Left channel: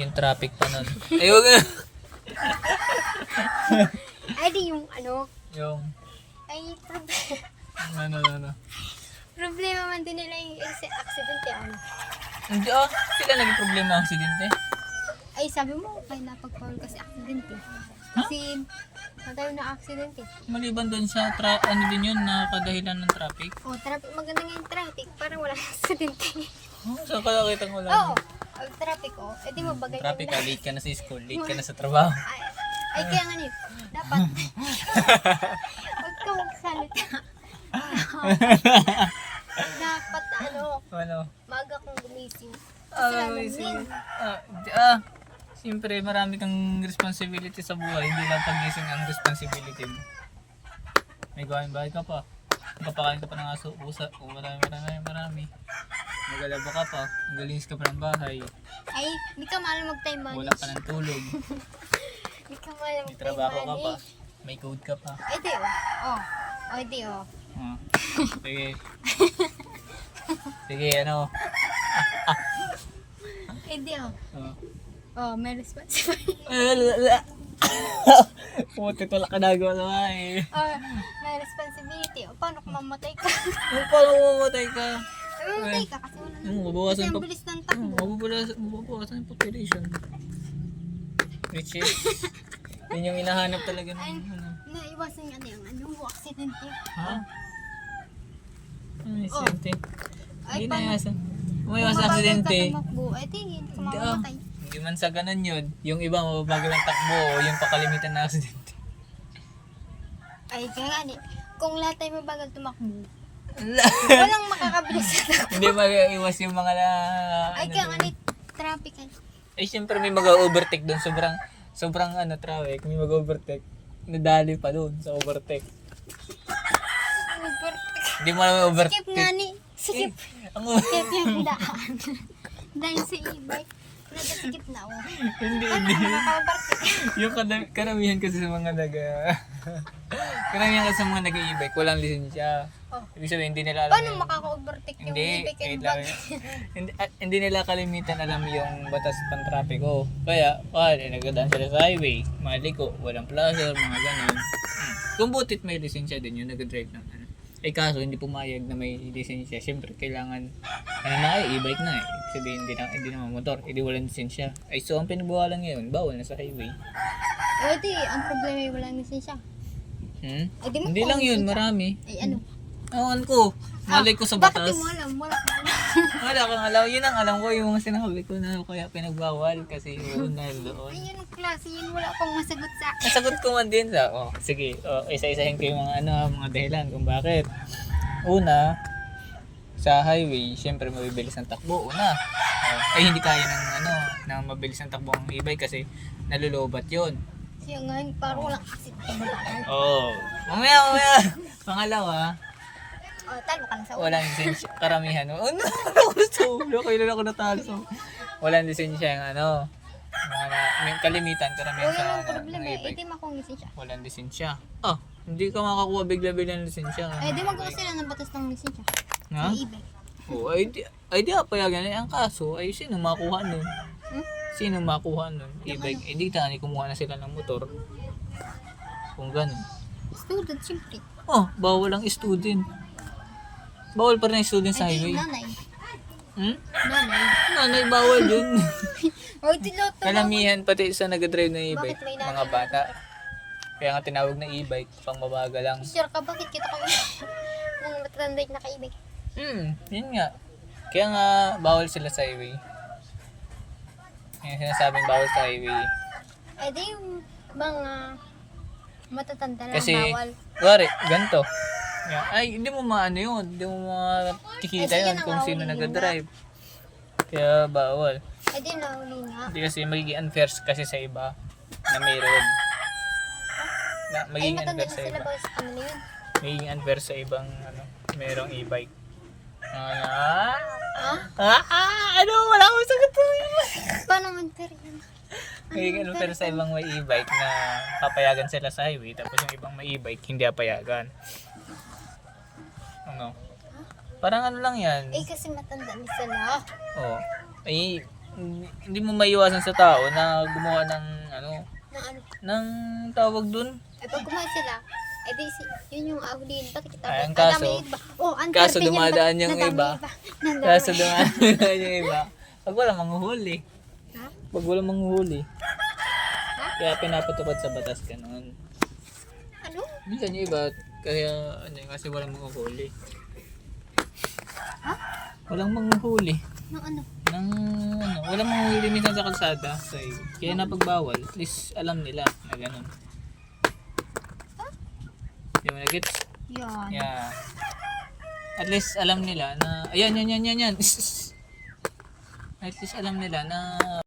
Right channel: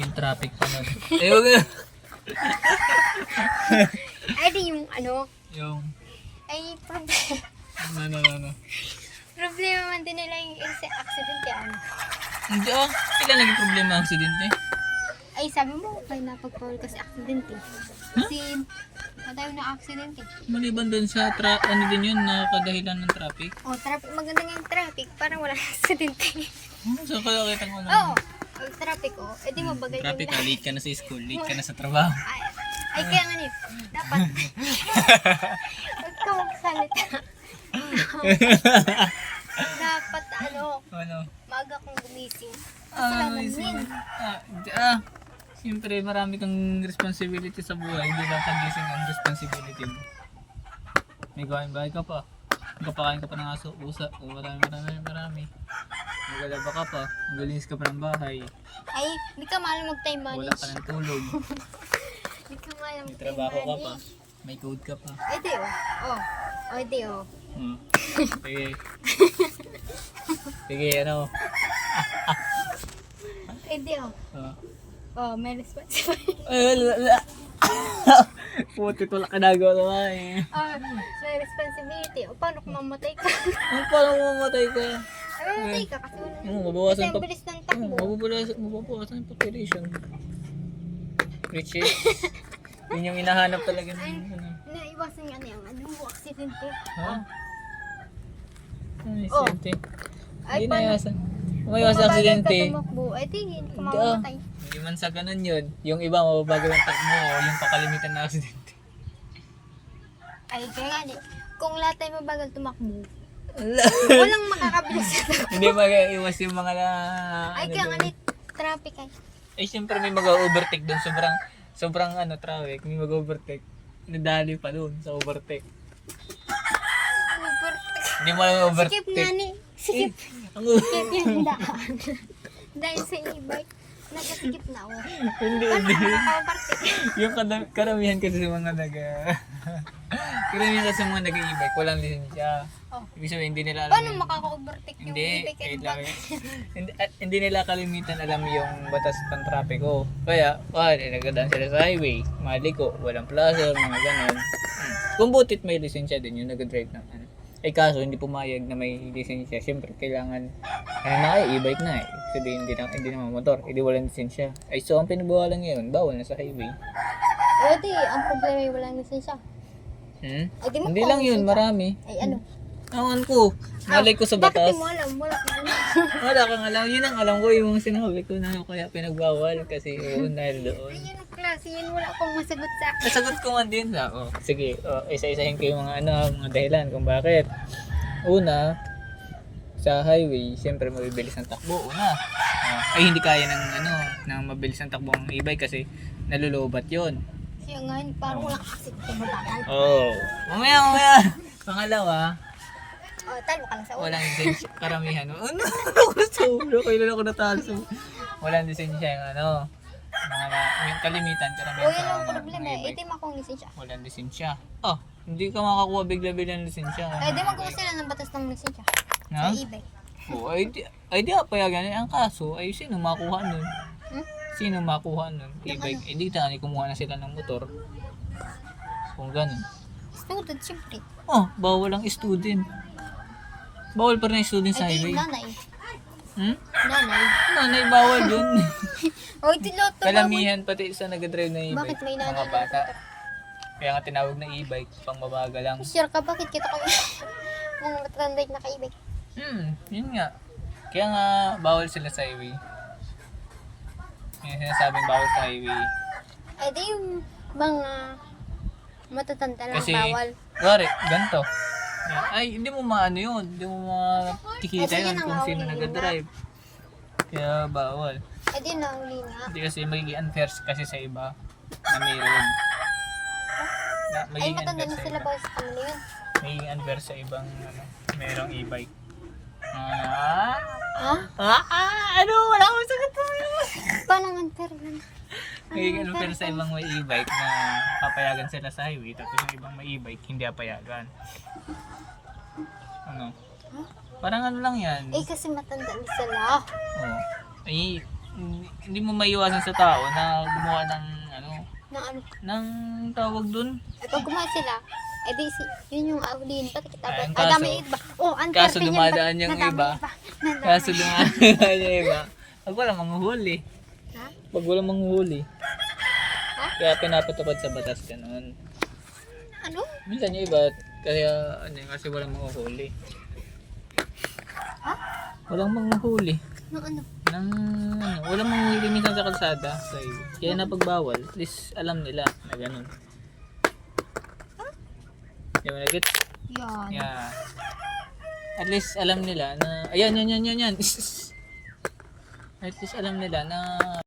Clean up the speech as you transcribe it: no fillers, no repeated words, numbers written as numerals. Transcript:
Yung traffic pa nun. Eh, huwag na. Ay, di yung ano. Yung, Ay, problema. ano. Problema man din nila yung accident eh. Ano? Hindi sila naging problema ang aksidente. Ay, sabi mo, okay na pag-call kasi accident eh. Kasi, tayo na accident eh. Maliban doon sa, ano din yun, na kadahilan ng traffic. Oh, traffic, maganda nga yung traffic. Parang wala accident eh. So, kaya kita ko lang. Oo. Oh, traffic oh. Eh di mo bagay Traffic yung late ka na sa school, late ka na sa trabaho. ay, kaya nga niyo. Dapat. Huwag ka magsalita. Dapat ano, Ano? maaga kong gumising. Amazing. Siyempre, marami kang responsibility sa buhay. Hindi lang pagising ang responsibility mo. May gawain bahay ka pa. Magkapakain ka pa ng aso, usa. O marami. Magalaba ka pa. Magalinis ka pa ng bahay. Ay, hindi ka mahal mag-time Wala manage. ka ng tulog. Hindi ka mahal May mag-time trabaho ka pa. manage. May code ka pa. Eh di oh. Oh. Oh, di oh. Sige. Sige, ano. Eh di oh. Ah. Oh, may responsibility. Puti pala ka nagawa naman eh. Oh, may responsibility. O, paano kung mamatay ka? Ano paano mamatay ka? Ay, mamatay ka kasi wala na. Kasi Mababawasan ang pa. bilis ng takbo. Mababawasan yung population. Which is, yun yung hinahanap talaga ng ano. Naiwasan nga na yung ano, aksidente. Ha? Ano yung aksidente? Ay, Hindi paano? naiwasan. Umayawas sa aksidente. Kung tumakbo, ay di, hindi ka Hindi mamamatay. Hindi man sa ganun yun. Yung iba mababagal ang takbo o yung pakalimitan na aksidente. Ay, kaya nga di. Kung lahat tayo mabagal tumakbo, walang makakabilis sa takbo. Hindi mag-iwas yung mga Ay, ano kaya nga dun. di, traffic ay. Eh syempre may mag-overtake doon. Sobrang ano traffic. May mag-overtake. Nadali pa doon sa overtake. Hindi mo alam overtake. Skip nga ni. Skip. Ang Skip yung daan. Dahil sa e-bike, nag-skip na ako. hindi. Paano ka makaka-overtake? Yung karamihan kasi sa mga karamihan kasi sa mga nag-e-bike, walang lisensya. Oh. Ibig sabihin, hindi nila alam Paano yung... makaka-overtake yung Hindi, e-bike and wait lang. bike? hindi nila kalimitan alam yung batas ng trapiko. Kaya, nagdadaan sila sa highway, maliko, walang plaza, mga ganon. Kung butit may lisensya din yung nag-drive ng ano. Ay kaso, hindi pumayag na may lisensya. Siyempre, kailangan, e-bike na eh. Ibig sabihin, hindi na motor, hindi walang lisensya. Ay so, ang pinagbawalan ngayon, bawal na sa highway. O di, ang problema ay walang lisensya. Ay, di mo Hindi kung lang yun, lisensya. marami. Ay ano? Awan ko, malay ko sa batas. Bakit di mo alam? Wala kang alam. Wala kang alam. Yun ang alam ko, yung mga sinabi ko na kaya pinagbawal kasi dahil doon. Ay, yan ang klase yun. Wala akong masagot sa akin. Nasagot ko man din sa, sige, isa-isahin ko yung mga dahilan kung bakit. Una, sa highway, syempre mabibilis ang takbo. Una, ay hindi kaya ng mabilis ang takbo ng e-bike kasi nalulobat yun. Siya nga, parang walang accident kung matagal. Mamaya. Pangalawa, Tayo ka lang sa ulo. walang lisensya. Karamihan. Ano? Ako sa ulo. Kailan ako natalo sa walang lisensya yung may kalimitan. Karamihan O sa yan ang problema mga eh. e-bike. Di mo akong lisensya. Walang lisensya. Hindi ka makakuha bigla-bigla ng lisensya. Eh, di magawa sila ng batas ng lisensya. Ha? Sa e-bike. Ay di payagan. Ang kaso ay sino makuha nun? Hmm? Sino makuha nun? E-bike. Eh di tani kumuha na sila ng motor. Kung ganun. Student, siyempre. Bawal ang student. Bawal pa rin ang student sa Eh, di, highway. nanay. Nanay, Nanay. bawal yun. O, di lot. Kalamihan pati sa nag-drive na e-bike, Bakit may nanay? mga bata. Kaya nga tinawag na e-bike, pang mabagal lang. Sir ka, bakit kita kami mga matranday na ka-e-bike? Yun nga. Kaya nga, bawal sila sa highway. Yung sinasabing bawal sa highway. Eh, di yung mga matatanda lang Kasi, bawal. wari, ganito. Yan. Ay, hindi mo maano yun. Hindi mo makikita Kasi yun yan ang kung sino hawak nag-drive. Kaya bawal. Eh, di nahuli nga. Hindi kasi magiging unfair kasi sa iba na mayroon. Ay, Magiging matanda unfair na sa sila iba. bawal sa kanila yun. Magiging unfair sa ibang mayroong e-bike. Ano? Wala akong sagot po. Paano unfair yun? Magiging unfair sa ibang may e-bike na papayagan sila sa highway tapos yung ibang may e-bike hindi papayagan. Ano? Parang ano lang yan. Eh, kasi matanda na sila. Ay, hindi mo maiwasan sa tao na gumawa ng ano, Na ano. ng tawag dun. Eh, pag kumain sila, eh di yun yung ahulin. Bakit tapos? Ay, ang Ang kaso- dami iba. Oh, ang kaso swerte niyan, dumadaan ba't yung nadami iba? Nadami. Kaso dumaan yung iba. Pag walang manghuhuli. Ha? Pag walang manghuhuli. Ha? Kaya pinapatupad sa batas ganun. Ano? Minsan yung iba, kaya ano, kasi walang manghuhuli. Ha? Walang manghuhuli. No, ano? Nang ano, walang manghuhuli minsan sa kalsada. Kaya napagbawal. At least alam nila na ganun. Di ba nag-gets? Yan. Yeah. At least alam nila na, ayan, yan. At least alam nila na